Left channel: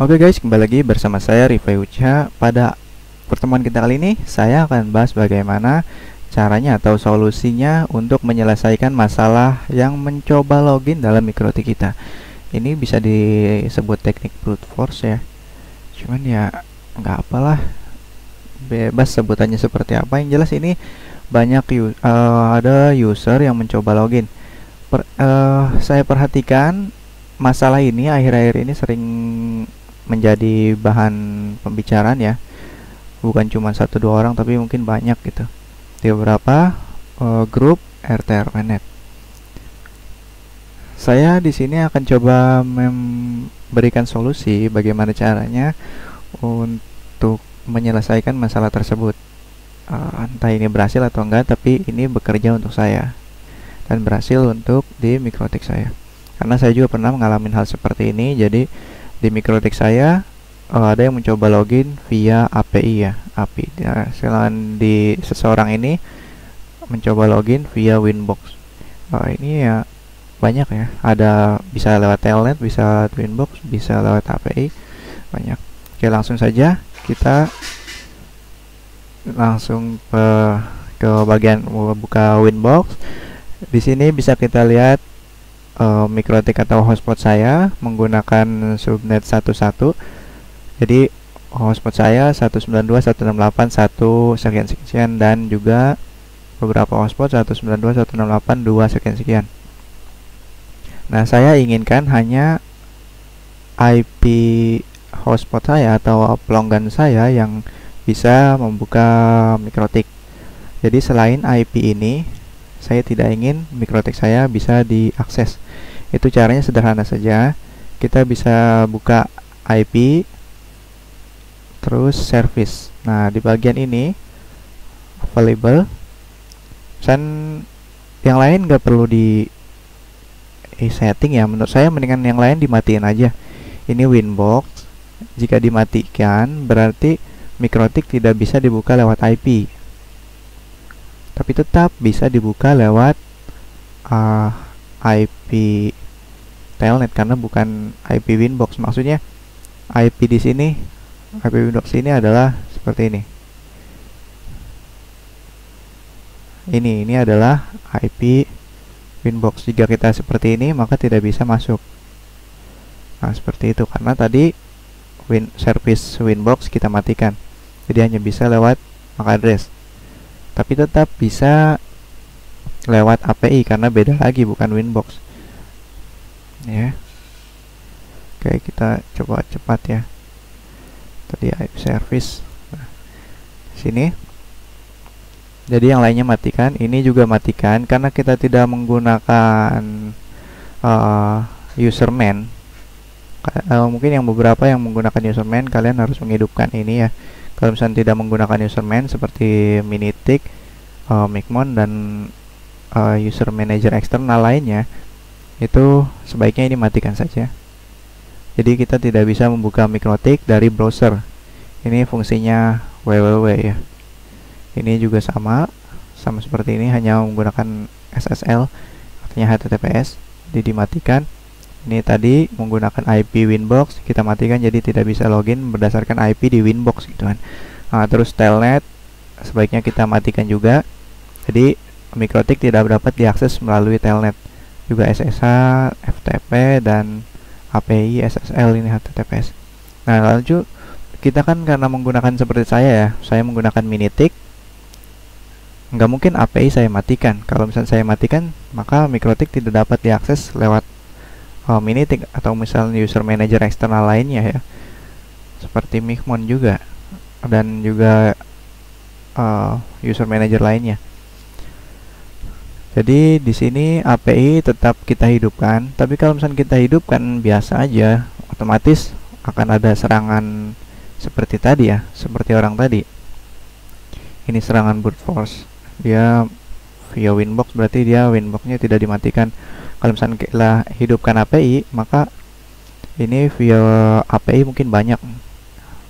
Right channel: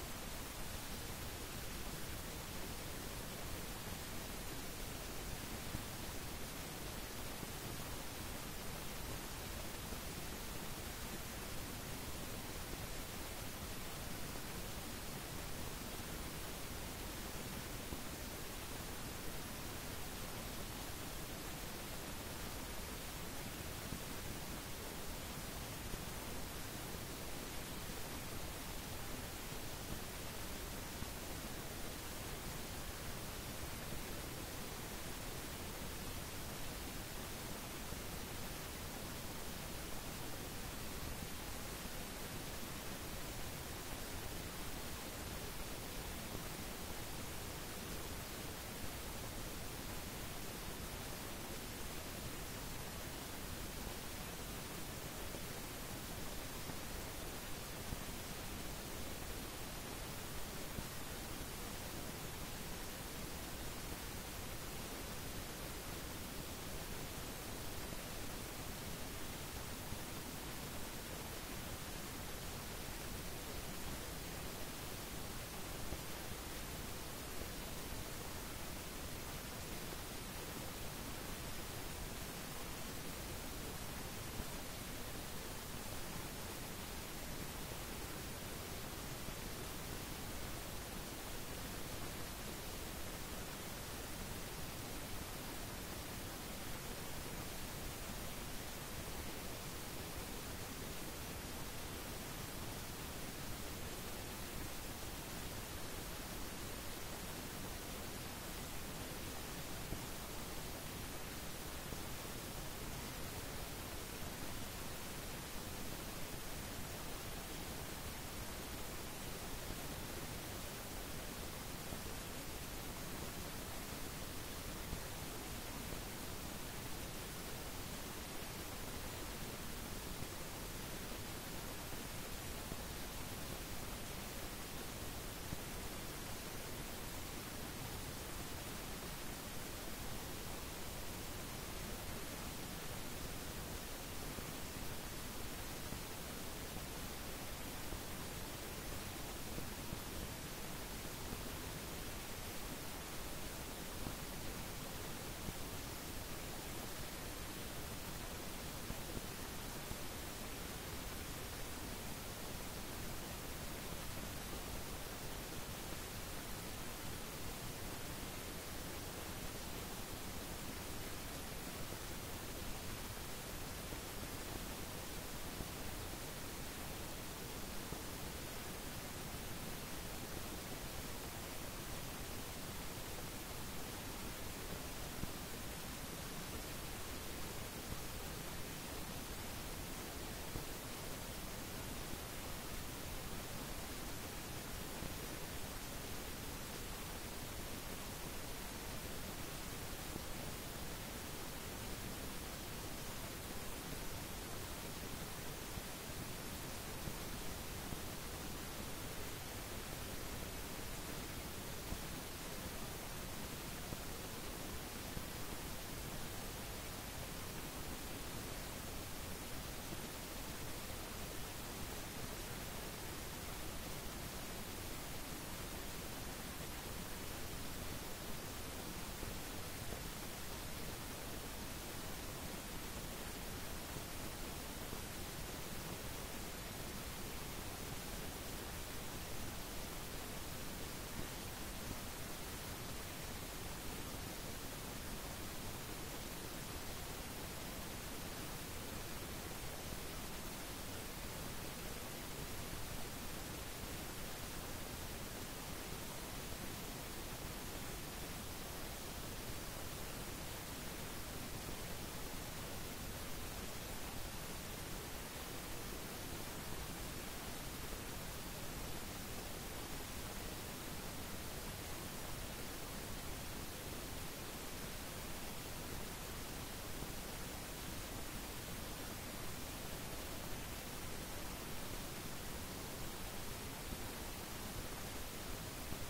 Oke guys, kembali lagi bersama saya Rifai Uca. Pada pertemuan kita kali ini, saya akan bahas bagaimana caranya atau solusinya untuk menyelesaikan masalah yang mencoba login dalam MikroTik kita. Ini bisa disebut teknik brute force ya. Cuman ya nggak apalah, bebas sebutannya seperti apa. Yang jelas ini banyak ada user yang mencoba login. Saya perhatikan masalah ini akhir-akhir ini sering menjadi bahan pembicaraan ya, bukan cuma satu dua orang tapi mungkin banyak gitu di beberapa grup RTRNet. Saya di sini akan coba memberikan solusi bagaimana caranya untuk menyelesaikan masalah tersebut. Entah ini berhasil atau enggak, tapi ini bekerja untuk saya dan berhasil untuk di MikroTik saya. Karena saya juga pernah mengalami hal seperti ini. Jadi di MikroTik saya ada yang mencoba login via API ya, API. Selain di seseorang ini mencoba login via Winbox. Ini ya banyak ya. Ada bisa lewat Telnet, bisa Winbox, bisa lewat API, banyak. Oke, langsung saja kita langsung ke bagian buka Winbox. Di sini bisa kita lihat MikroTik atau hotspot saya menggunakan subnet 11. Jadi hotspot saya 192.168.1 sekian dan juga beberapa hotspot 192.168.2 sekian. Nah, saya inginkan hanya IP hotspot saya atau pelanggan saya yang bisa membuka MikroTik. Jadi selain IP ini, saya tidak ingin MikroTik saya bisa diakses. Itu caranya sederhana saja. Kita bisa buka IP terus service. Nah, di bagian ini available. Dan yang lain nggak perlu di setting ya. Menurut saya mendingan yang lain dimatiin aja. Ini Winbox. Jika dimatikan berarti MikroTik tidak bisa dibuka lewat IP. Tapi tetap bisa dibuka lewat IP Telnet karena bukan IP Winbox. Maksudnya IP di sini, IP Winbox ini adalah seperti ini. Ini adalah IP Winbox. Jika kita seperti ini, maka tidak bisa masuk. Nah, seperti itu karena tadi service Winbox kita matikan. Jadi hanya bisa lewat MAC address. Tapi tetap bisa lewat API karena beda lagi, bukan Winbox. Ya. Oke, kita coba cepat ya. Tadi IP service. Nah, sini. Jadi yang lainnya matikan, ini juga matikan karena kita tidak menggunakan userman. Mungkin yang beberapa yang menggunakan userman, kalian harus menghidupkan ini ya. Kalau misalnya tidak menggunakan userman seperti Minitik, Micmon dan user manager eksternal lainnya, itu sebaiknya ini matikan saja. Jadi kita tidak bisa membuka MikroTik dari browser. Ini fungsinya www ya. Ini juga sama seperti ini, hanya menggunakan SSL, artinya HTTPS. Jadi dimatikan. Ini tadi menggunakan IP Winbox, kita matikan jadi tidak bisa login berdasarkan IP di Winbox gitu kan. Nah, terus Telnet sebaiknya kita matikan juga. Jadi MikroTik tidak dapat diakses melalui Telnet. Juga SSH, FTP dan API SSL ini HTTPS. Nah, lalu kita kan karena menggunakan seperti saya ya, saya menggunakan Minitik. Nggak mungkin API saya matikan. Kalau misalnya saya matikan, maka MikroTik tidak dapat diakses lewat Minitik atau misalnya user manager eksternal lainnya ya, seperti Micmon juga dan juga user manager lainnya. Jadi di sini API tetap kita hidupkan, tapi kalau misalnya kita hidupkan biasa aja, otomatis akan ada serangan seperti tadi ya, seperti orang tadi. Ini serangan brute force. Dia via Winbox, berarti dia Winboxnya tidak dimatikan. Kalau misalnya kita hidupkan API, maka ini via API mungkin banyak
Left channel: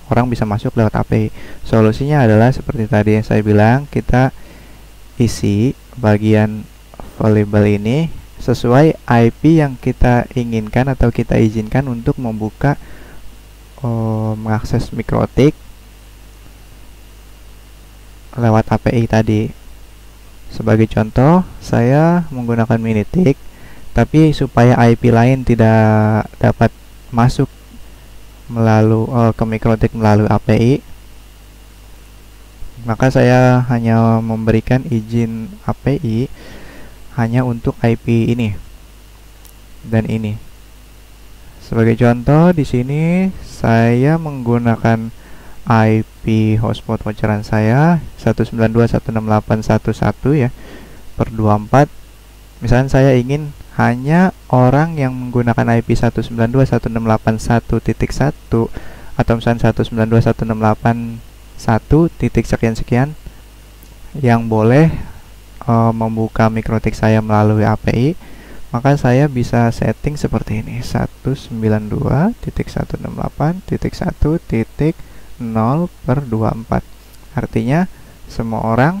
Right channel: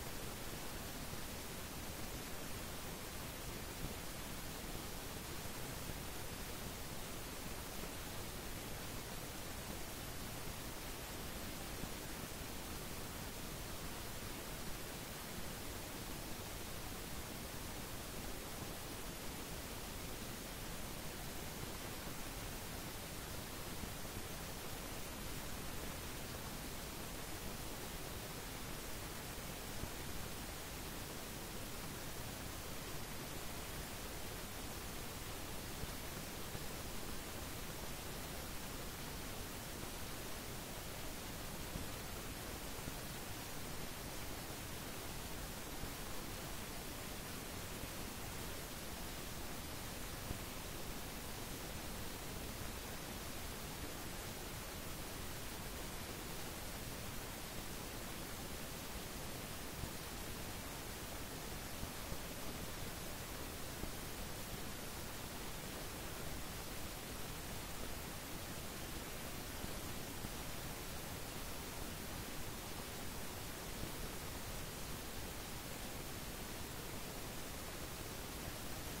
orang bisa masuk lewat API. Solusinya adalah seperti tadi yang saya bilang, kita isi bagian available ini sesuai IP yang kita inginkan atau kita izinkan untuk membuka mengakses mikrotik lewat API tadi. Sebagai contoh, saya menggunakan Minitik, tapi supaya IP lain tidak dapat masuk melalui ke mikrotik melalui API, maka saya hanya memberikan izin API hanya untuk IP ini dan ini. Sebagai contoh, di sini saya menggunakan IP hotspot voucheran saya 192.168.1.1 ya per 24. Misalnya saya ingin hanya orang yang menggunakan IP 192.168.1.1 atau misalnya 192.168.1 titik sekian-sekian yang boleh membuka mikrotik saya melalui API, maka saya bisa setting seperti ini, 192.168.1.0/24. Artinya semua orang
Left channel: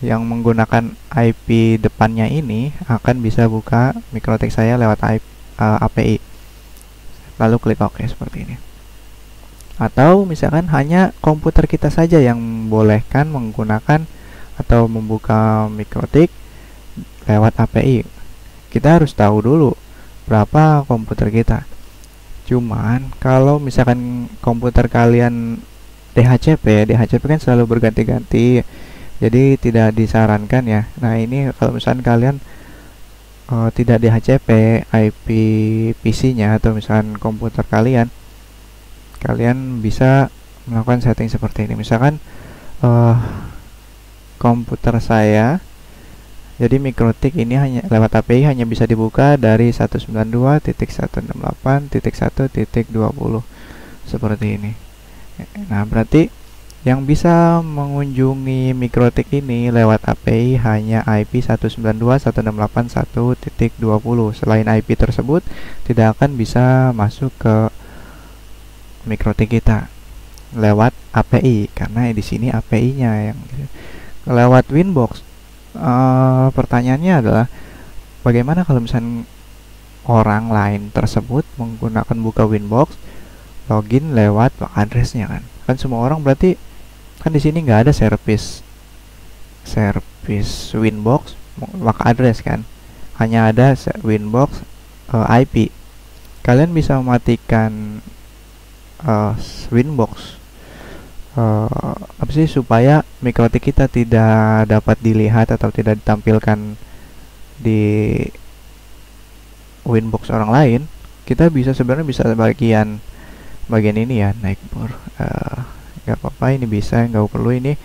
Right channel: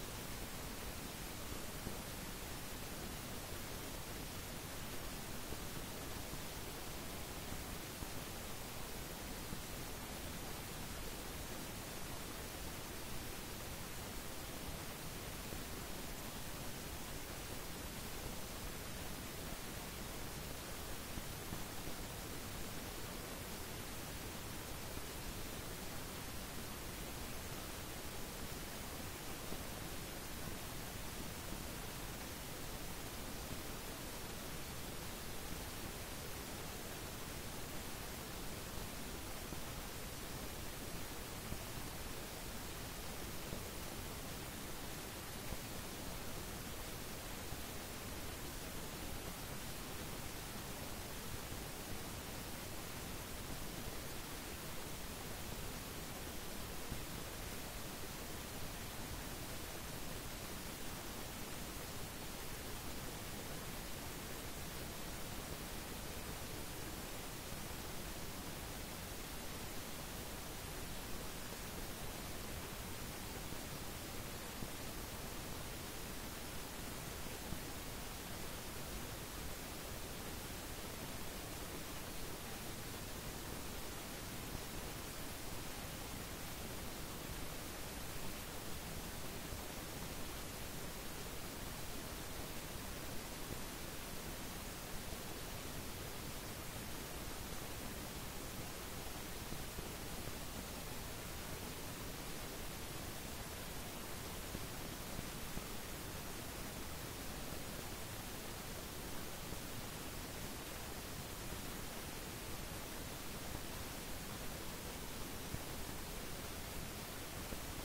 yang menggunakan IP depannya ini akan bisa buka mikrotik saya lewat API. Lalu klik OK seperti ini. Atau misalkan hanya komputer kita saja yang bolehkan menggunakan atau membuka mikrotik lewat API. Kita harus tahu dulu berapa komputer kita. Cuman kalau misalkan komputer kalian DHCP kan selalu berganti-ganti, jadi tidak disarankan ya. Nah, ini kalau misalkan kalian tidak DHCP IP PC-nya atau misalkan komputer kalian bisa melakukan setting seperti ini. Misalkan komputer saya, jadi mikrotik ini hanya lewat API hanya bisa dibuka dari 192.168.1.20 seperti ini. Nah, berarti yang bisa mengunjungi mikrotik ini lewat API hanya IP 192.168.1.20. Selain IP tersebut, tidak akan bisa masuk ke mikrotik kita lewat API, karena di sini API-nya yang lewat Winbox. Pertanyaannya adalah bagaimana kalau misalnya orang lain tersebut menggunakan buka Winbox login lewat MAC address-nya kan semua orang berarti kan di sini nggak ada service Winbox MAC address kan, hanya ada Winbox IP. Kalian bisa mematikan Winbox supaya mikrotik kita tidak dapat dilihat atau tidak ditampilkan di Winbox orang lain. Kita sebenarnya bisa bagian ini ya, Nightbor. Nggak apa-apa, ini bisa, nggak perlu ini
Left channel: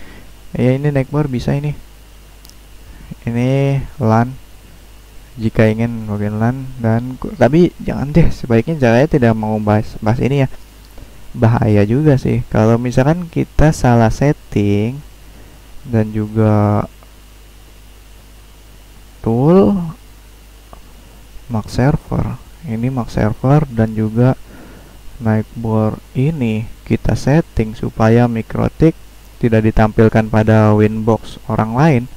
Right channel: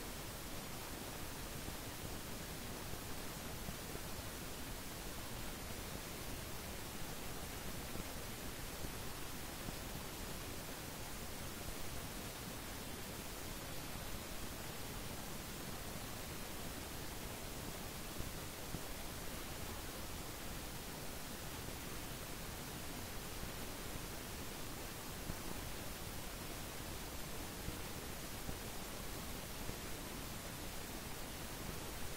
ya, ini Nightbor bisa ini LAN jika ingin login LAN, dan tapi jangan deh, sebaiknya saya tidak mau bahas ini ya, bahaya juga sih kalau misalkan kita salah setting. Dan juga tool MAC server, ini MAC server dan juga Nightbor ini kita setting supaya mikrotik tidak ditampilkan pada Winbox orang lain.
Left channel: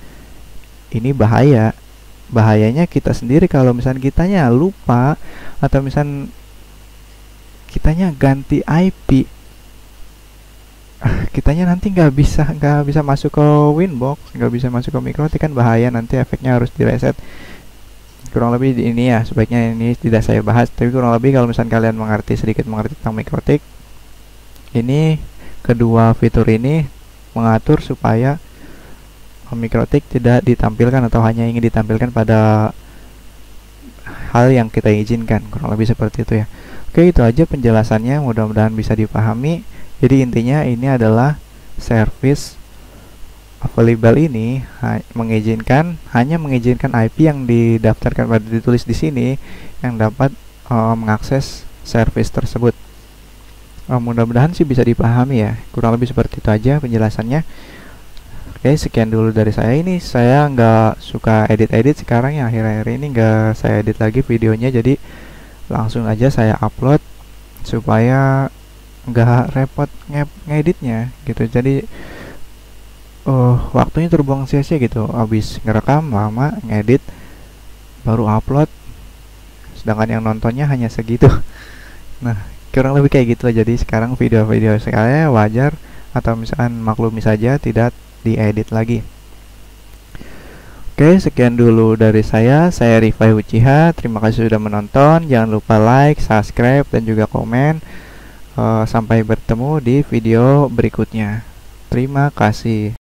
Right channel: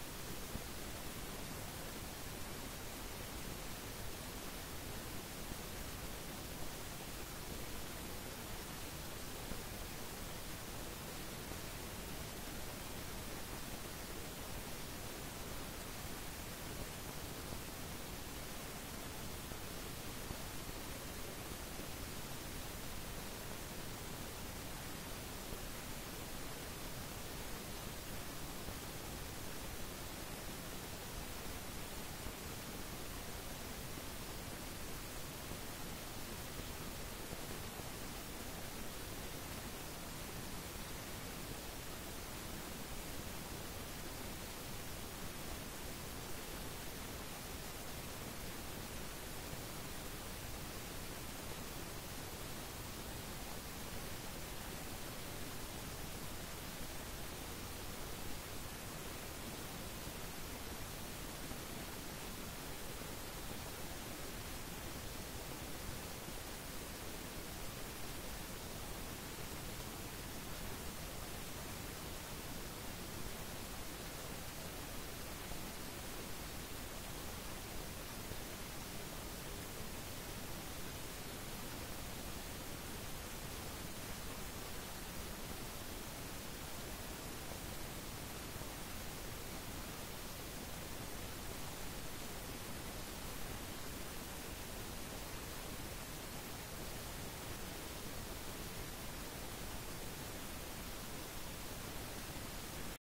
Ini bahayanya kita sendiri kalau misalnya kitanya lupa atau misalnya kitanya ganti IP, kitanya nanti nggak bisa masuk ke Winbox, nggak bisa masuk ke mikrotik, kan bahaya, nanti efeknya harus direset. Kurang lebih ini ya, sebaiknya ini tidak saya bahas, tapi kurang lebih kalau misalnya kalian sedikit mengerti tentang mikrotik, ini kedua fitur ini mengatur supaya mikrotik tidak ditampilkan atau hanya ingin ditampilkan pada hal yang kita izinkan, kurang lebih seperti itu ya. Oke, itu aja penjelasannya, mudah-mudahan bisa dipahami. Jadi intinya ini adalah service available ini hanya mengizinkan IP yang didaftarkan pada ditulis di sini yang dapat mengakses service tersebut. Mudah-mudahan sih bisa dipahami ya, kurang lebih seperti itu aja penjelasannya. Oke, sekian dulu dari saya. Ini saya nggak suka edit sekarang ya, akhir-akhir ini nggak saya edit lagi videonya, jadi langsung aja saya upload supaya nggak repot ngeditnya gitu. Jadi waktunya terbuang sia-sia gitu, habis ngerekam lama, ngedit, baru upload, sedangkan yang nontonnya hanya segitu. Nah, kurang lebih kayak gitu. Jadi sekarang video-video saya wajar atau misalkan maklumi saja tidak diedit lagi. Oke, sekian dulu dari saya Rifai Uchiha. Terima kasih sudah menonton. Jangan lupa like, subscribe, dan juga komen. Sampai bertemu di video berikutnya. Terima kasih.